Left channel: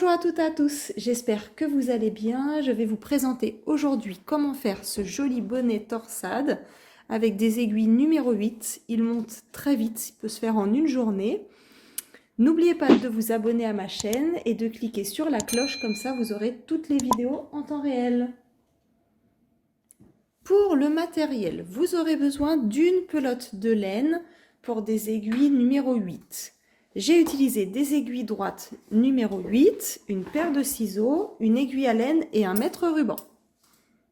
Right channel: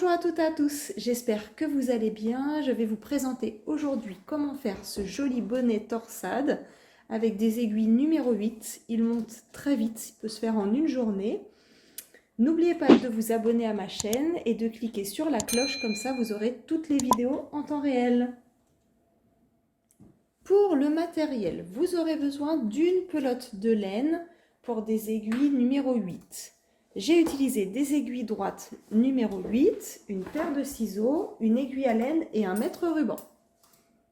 Bonjour à toutes et à tous, j'espère que vous allez bien. Je vais vous présenter aujourd'hui comment faire ce joli bonnet torsade avec des aiguilles numéro 8. Il monte très vite, il peut se faire en une journée. N'oubliez pas de vous abonner à ma chaîne et de cliquer sur la cloche, comme ça vous aurez toutes les vidéos en temps réel. Pour le matériel, vous aurez besoin d'une pelote de laine pour des aiguilles numéro 8. J'ai utilisé des aiguilles droites numéro 8, une paire de ciseaux, une aiguille à laine et un mètre ruban.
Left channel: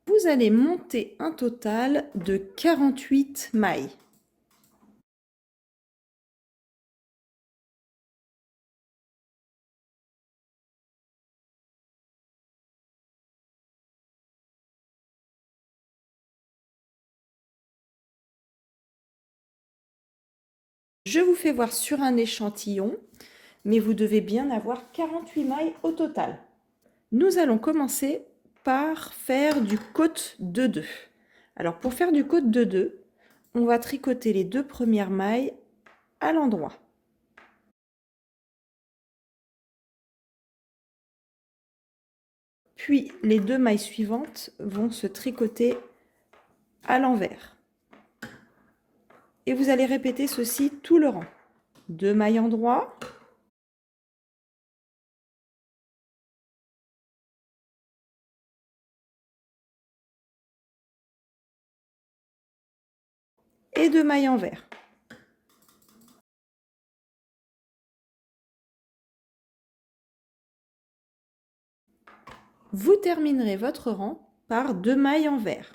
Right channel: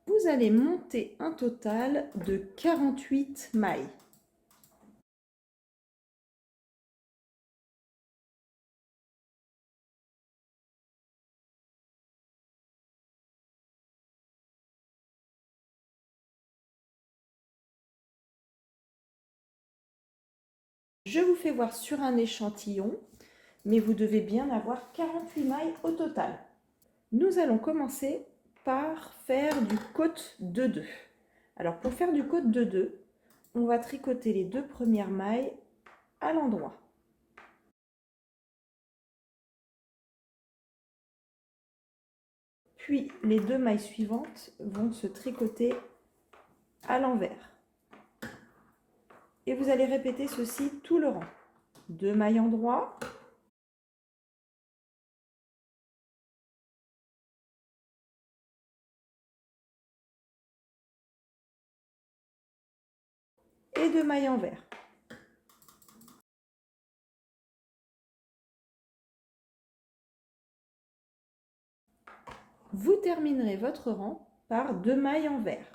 Vous allez monter un total de 48 mailles. Je vous fais voir sur un échantillon, mais vous devez bien avoir 48 mailles au total. Nous allons commencer par faire du côte de 2. Alors pour faire du côte de 2, on va tricoter les deux premières mailles à l'endroit. Puis les deux mailles suivantes vont se tricoter à l'envers. Et vous allez répéter ceci tout le rang. 2 mailles endroit, et 2 mailles envers. Vous terminerez votre rang par 2 mailles envers.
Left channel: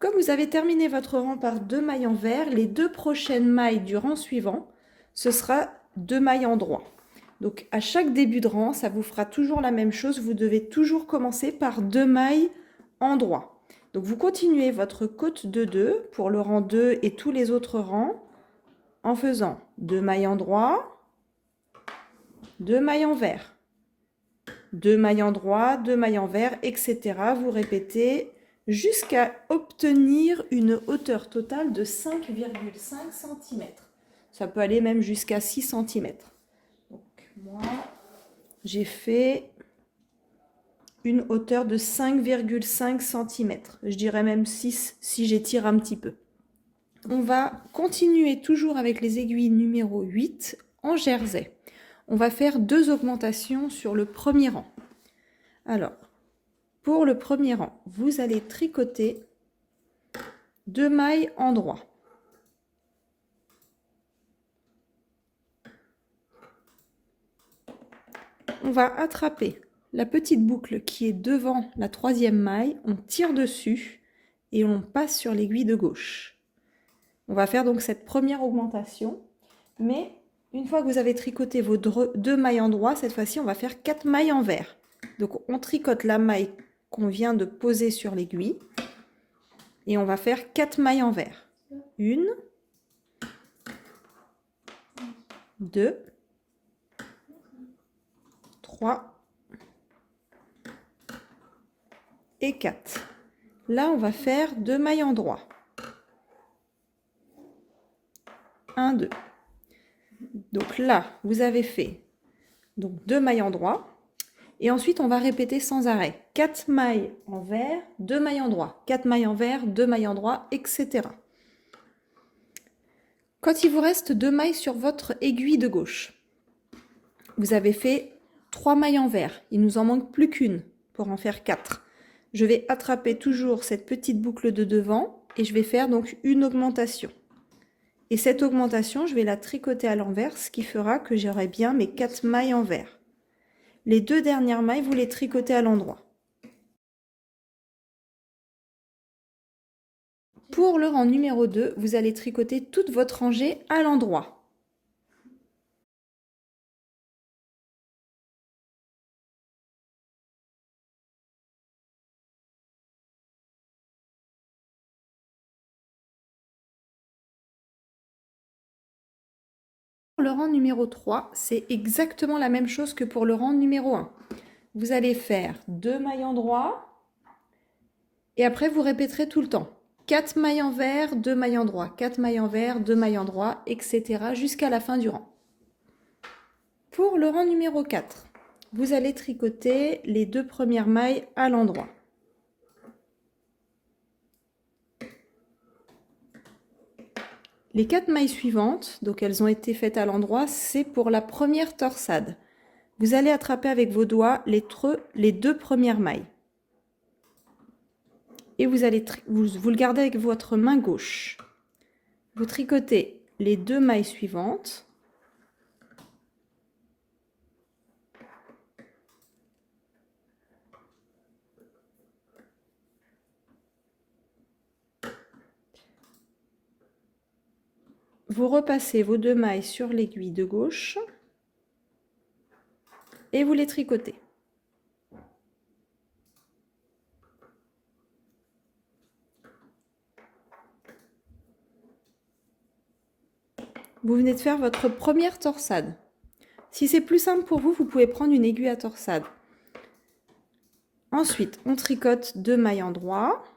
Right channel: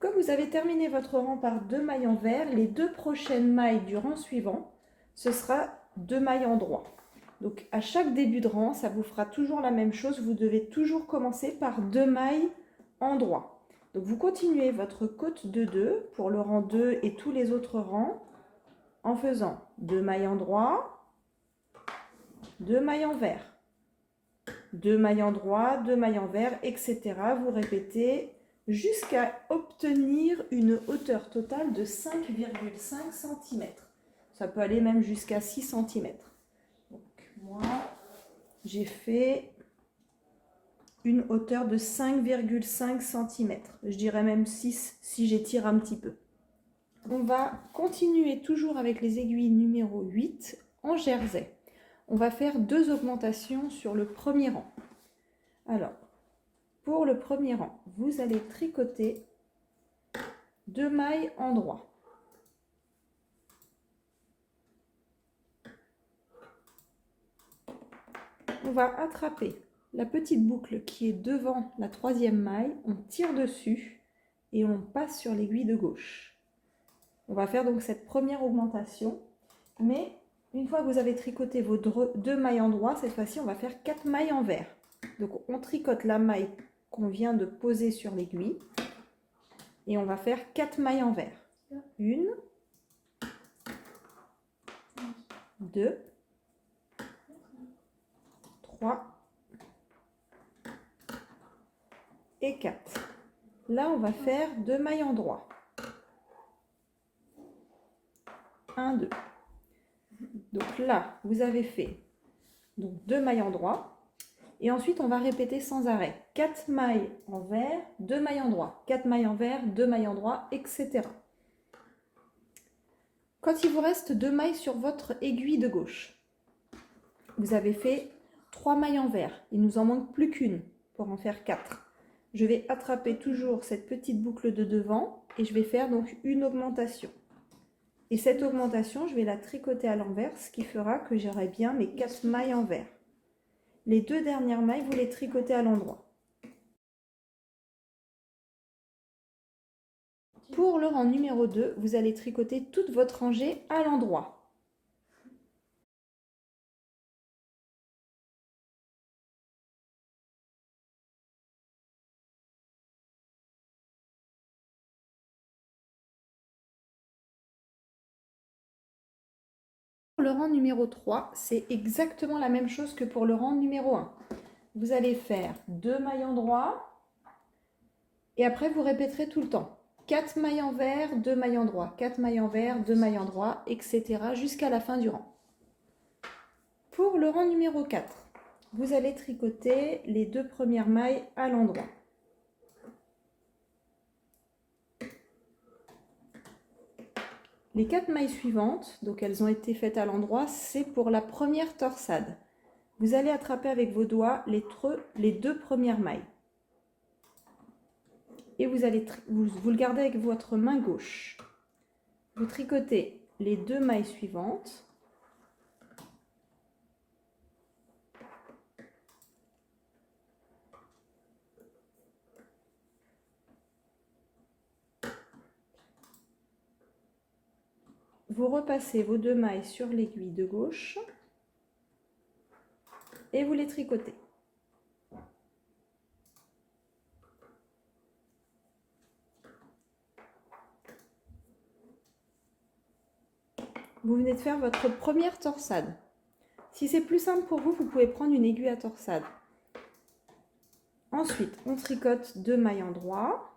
Comme vous avez terminé votre rang par 2 mailles envers, les deux prochaines mailles du rang suivant, ce sera 2 mailles en droit. Donc à chaque début de rang, ça vous fera toujours la même chose. Vous devez toujours commencer par 2 mailles en droit. Donc vous continuez votre côte de 2 pour le rang 2 et tous les autres rangs en faisant 2 mailles en droit, 2 mailles envers, 2 mailles en droit, 2 mailles envers, etc. Vous répétez jusqu'à obtenir une hauteur totale de 5,5 cm. Ça peut aller même jusqu'à 6 cm. Donc moi, j'ai fait une hauteur de 5,5 cm. Je dirais même 6 si j'étire un petit peu. On va continuer toujours avec les aiguilles numéro 8 en jersey. On va faire 2 augmentations sur le premier rang. Alors, pour le premier rang, vous allez tricoter 2 mailles en droit. On va attraper la petite boucle qui est devant la troisième maille, on tire dessus et on passe sur l'aiguille de gauche. On va faire donc cette première augmentation, mais une fois que vous avez tricoté vos 2 mailles en droit, cette fois-ci on va faire 4 mailles envers. Donc on tricote la maille qu'on vient de poser sur l'aiguille et on va faire 4 mailles envers. 1, 2, 3 et 4. Là, on va faire 2 mailles en droit. 1, 2. Donc là, vous avez fait donc 2 mailles en droit. Et ensuite, on va répéter sans arrêt. 4 mailles envers, 2 mailles en droit. 4 mailles envers, 2 mailles en droit, etc. Quand il vous reste 2 mailles sur votre aiguille de gauche, vous avez fait 3 mailles envers. Il nous en manque plus qu'une pour en faire 4. Je vais attraper toujours cette petite boucle de devant et je vais faire donc une augmentation. Et cette augmentation, je vais la tricoter à l'envers, ce qui fera que j'aurai bien mes 4 mailles envers. Les 2 dernières mailles, vous les tricotez à l'endroit. Pour le rang numéro 2, vous allez tricoter toute votre rangée à l'endroit. Pour le rang numéro 3, c'est exactement la même chose que pour le rang numéro 1. Vous allez faire 2 mailles en droit et après vous répéterez tout le temps. 4 mailles envers, 2 mailles en droit, 4 mailles envers, 2 mailles en droit, etc. jusqu'à la fin du rang. Pour le rang numéro 4, vous allez tricoter les 2 premières mailles à l'endroit. Les 4 mailles suivantes, donc elles ont été faites à l'endroit, c'est pour la première torsade. Vous allez attraper avec vos doigts les 2 premières mailles. Et vous le gardez avec votre main gauche. Vous tricotez les 2 mailles suivantes. Vous repassez vos 2 mailles sur l'aiguille de gauche et vous les tricotez. Vous venez de faire votre première torsade. Si c'est plus simple pour vous, vous pouvez prendre une aiguille à torsade. Ensuite, on tricote 2 mailles en droit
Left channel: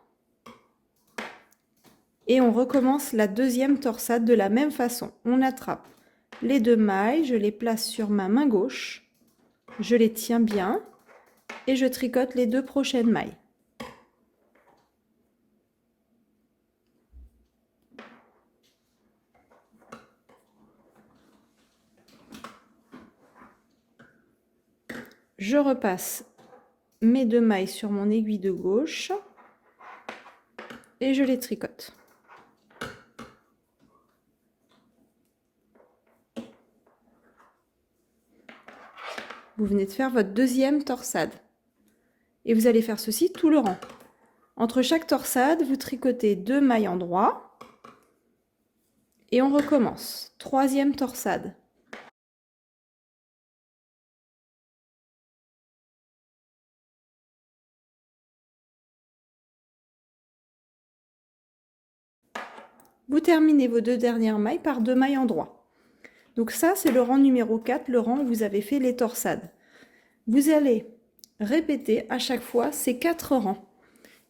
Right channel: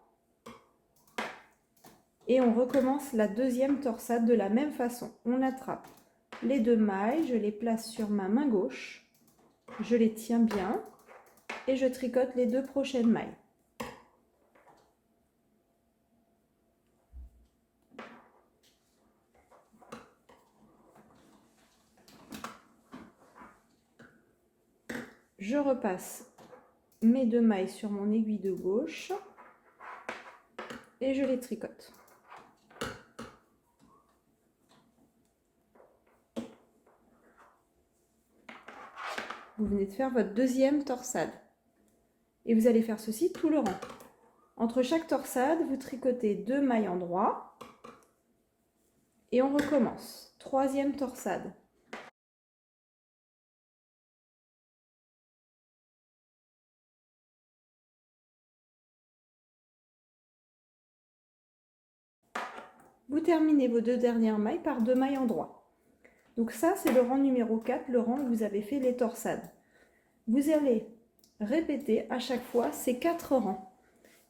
et on recommence la deuxième torsade de la même façon. On attrape les 2 mailles, je les place sur ma main gauche, je les tiens bien et je tricote les 2 prochaines mailles. Je repasse mes 2 mailles sur mon aiguille de gauche et je les tricote. Vous venez de faire votre deuxième torsade. Et vous allez faire ceci tout le rang. Entre chaque torsade, vous tricotez 2 mailles en droit et on recommence. Troisième torsade. Vous terminez vos 2 dernières mailles par 2 mailles en droit. Donc ça, c'est le rang numéro 4, le rang où vous avez fait les torsades. Vous allez répéter à chaque fois ces 4 rangs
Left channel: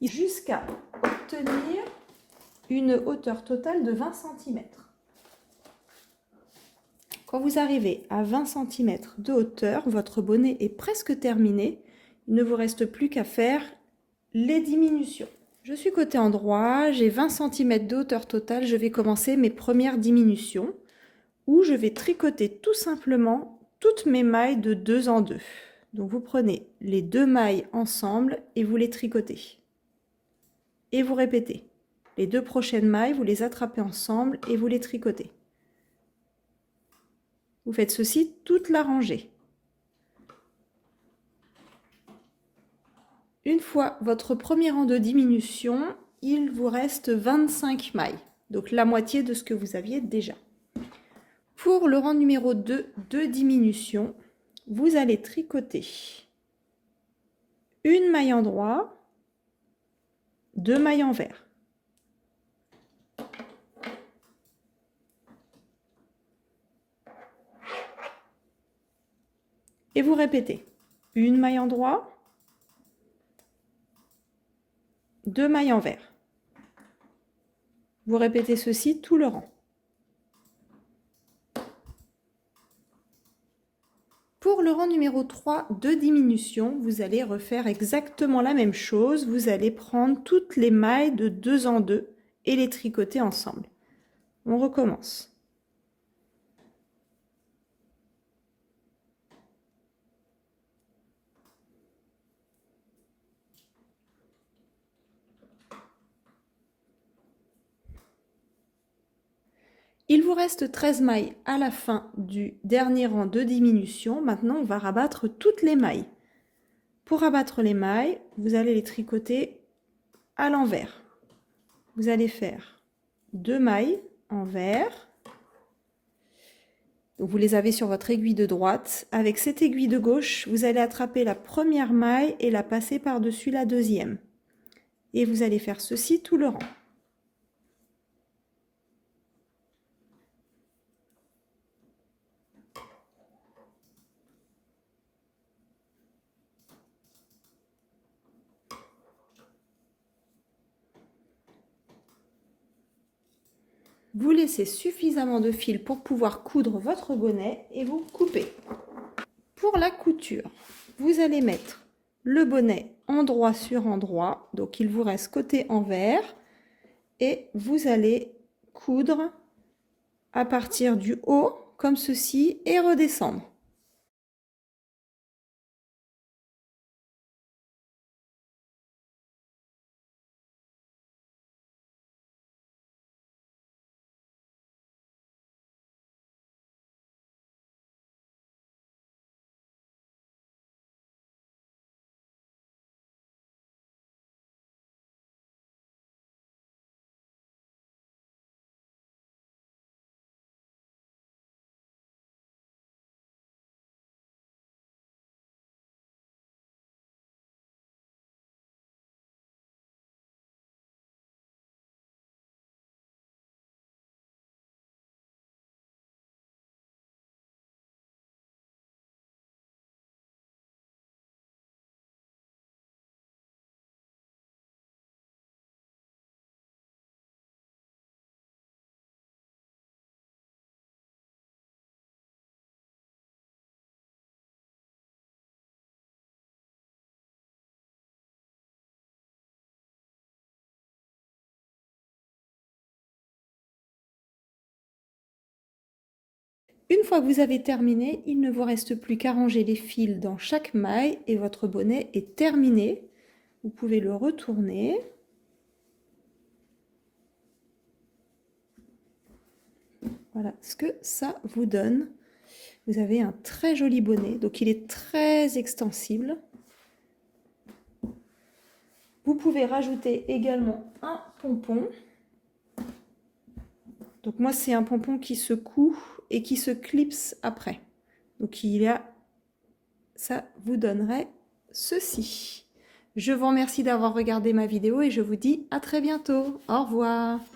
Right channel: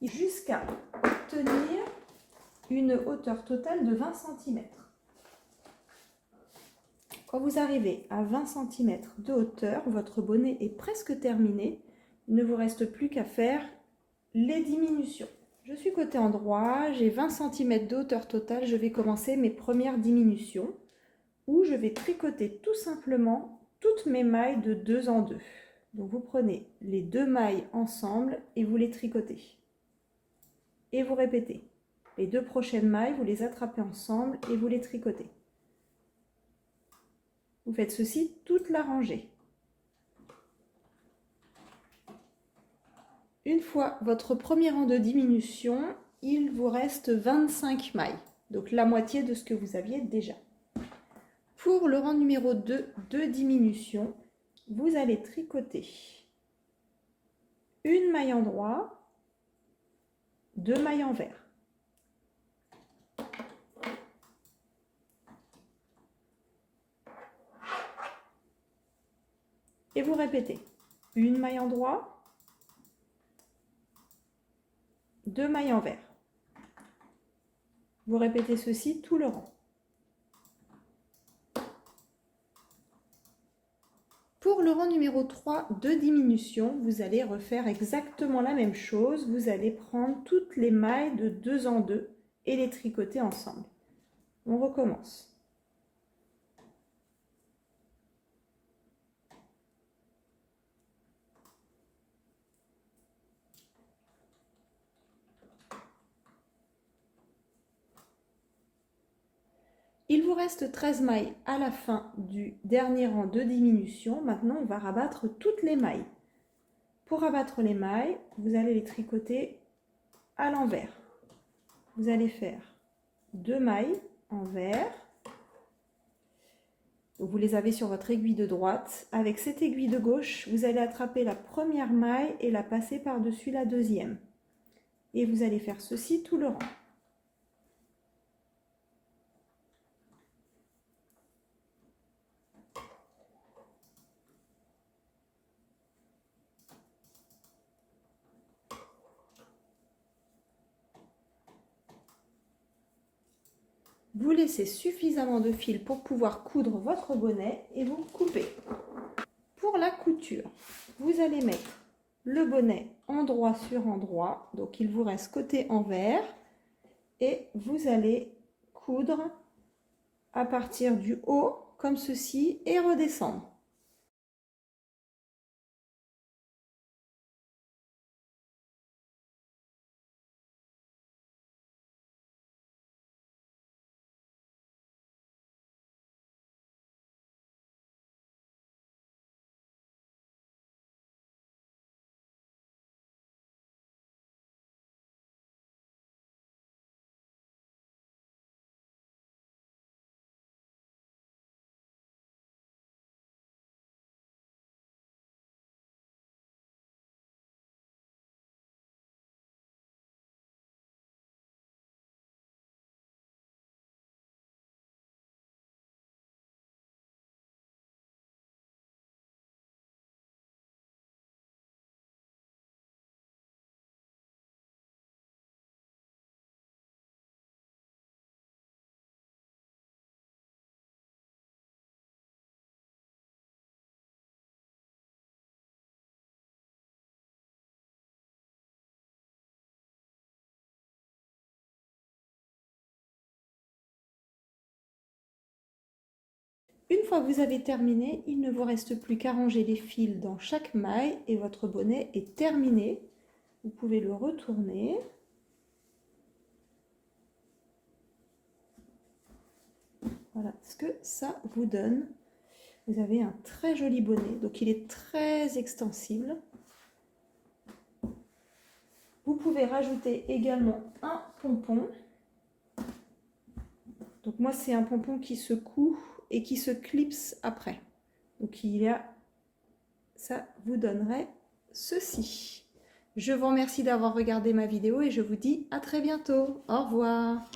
jusqu'à obtenir une hauteur totale de 20 cm. Quand vous arrivez à 20 cm de hauteur, votre bonnet est presque terminé. Il ne vous reste plus qu'à faire les diminutions. Je suis côté endroit, j'ai 20 cm de hauteur totale. Je vais commencer mes premières diminutions où je vais tricoter tout simplement toutes mes mailles de 2 en 2. Donc vous prenez les 2 mailles ensemble et vous les tricotez. Et vous répétez. Les 2 prochaines mailles, vous les attrapez ensemble et vous les tricotez. Vous faites ceci toute la rangée. Une fois votre premier rang de diminution, il vous reste 25 mailles. Donc la moitié de ce que vous aviez déjà. Pour le rang numéro 2 de diminution, vous allez tricoter une maille en droit, 2 mailles envers. Et vous répétez une maille en droit, 2 mailles envers. Vous répétez ceci tout le rang. Pour le rang numéro 3 de diminution, vous allez refaire exactement la même chose. Vous allez prendre toutes les mailles de 2 en 2 et les tricoter ensemble. On recommence. Il vous reste 13 mailles à la fin du dernier rang de diminution. Maintenant, on va rabattre toutes les mailles. Pour rabattre les mailles, vous allez les tricoter à l'envers. Vous allez faire 2 mailles envers. Donc vous les avez sur votre aiguille de droite. Avec cette aiguille de gauche, vous allez attraper la première maille et la passer par-dessus la deuxième. Et vous allez faire ceci tout le rang. Vous laissez suffisamment de fil pour pouvoir coudre votre bonnet et vous coupez. Pour la couture, vous allez mettre le bonnet endroit sur endroit, donc il vous reste côté envers, et vous allez coudre à partir du haut comme ceci et redescendre. Une fois que vous avez terminé, il ne vous reste plus qu'à ranger les fils dans chaque maille et votre bonnet est terminé. Vous pouvez le retourner. Voilà ce que ça vous donne. Vous avez un très joli bonnet, donc il est très extensible. Vous pouvez rajouter également un pompon. Donc moi, c'est un pompon qui se coud et qui se clipse après. Donc il y a, ça vous donnerait ceci. Je vous remercie d'avoir regardé ma vidéo et je vous dis à très bientôt. Au revoir.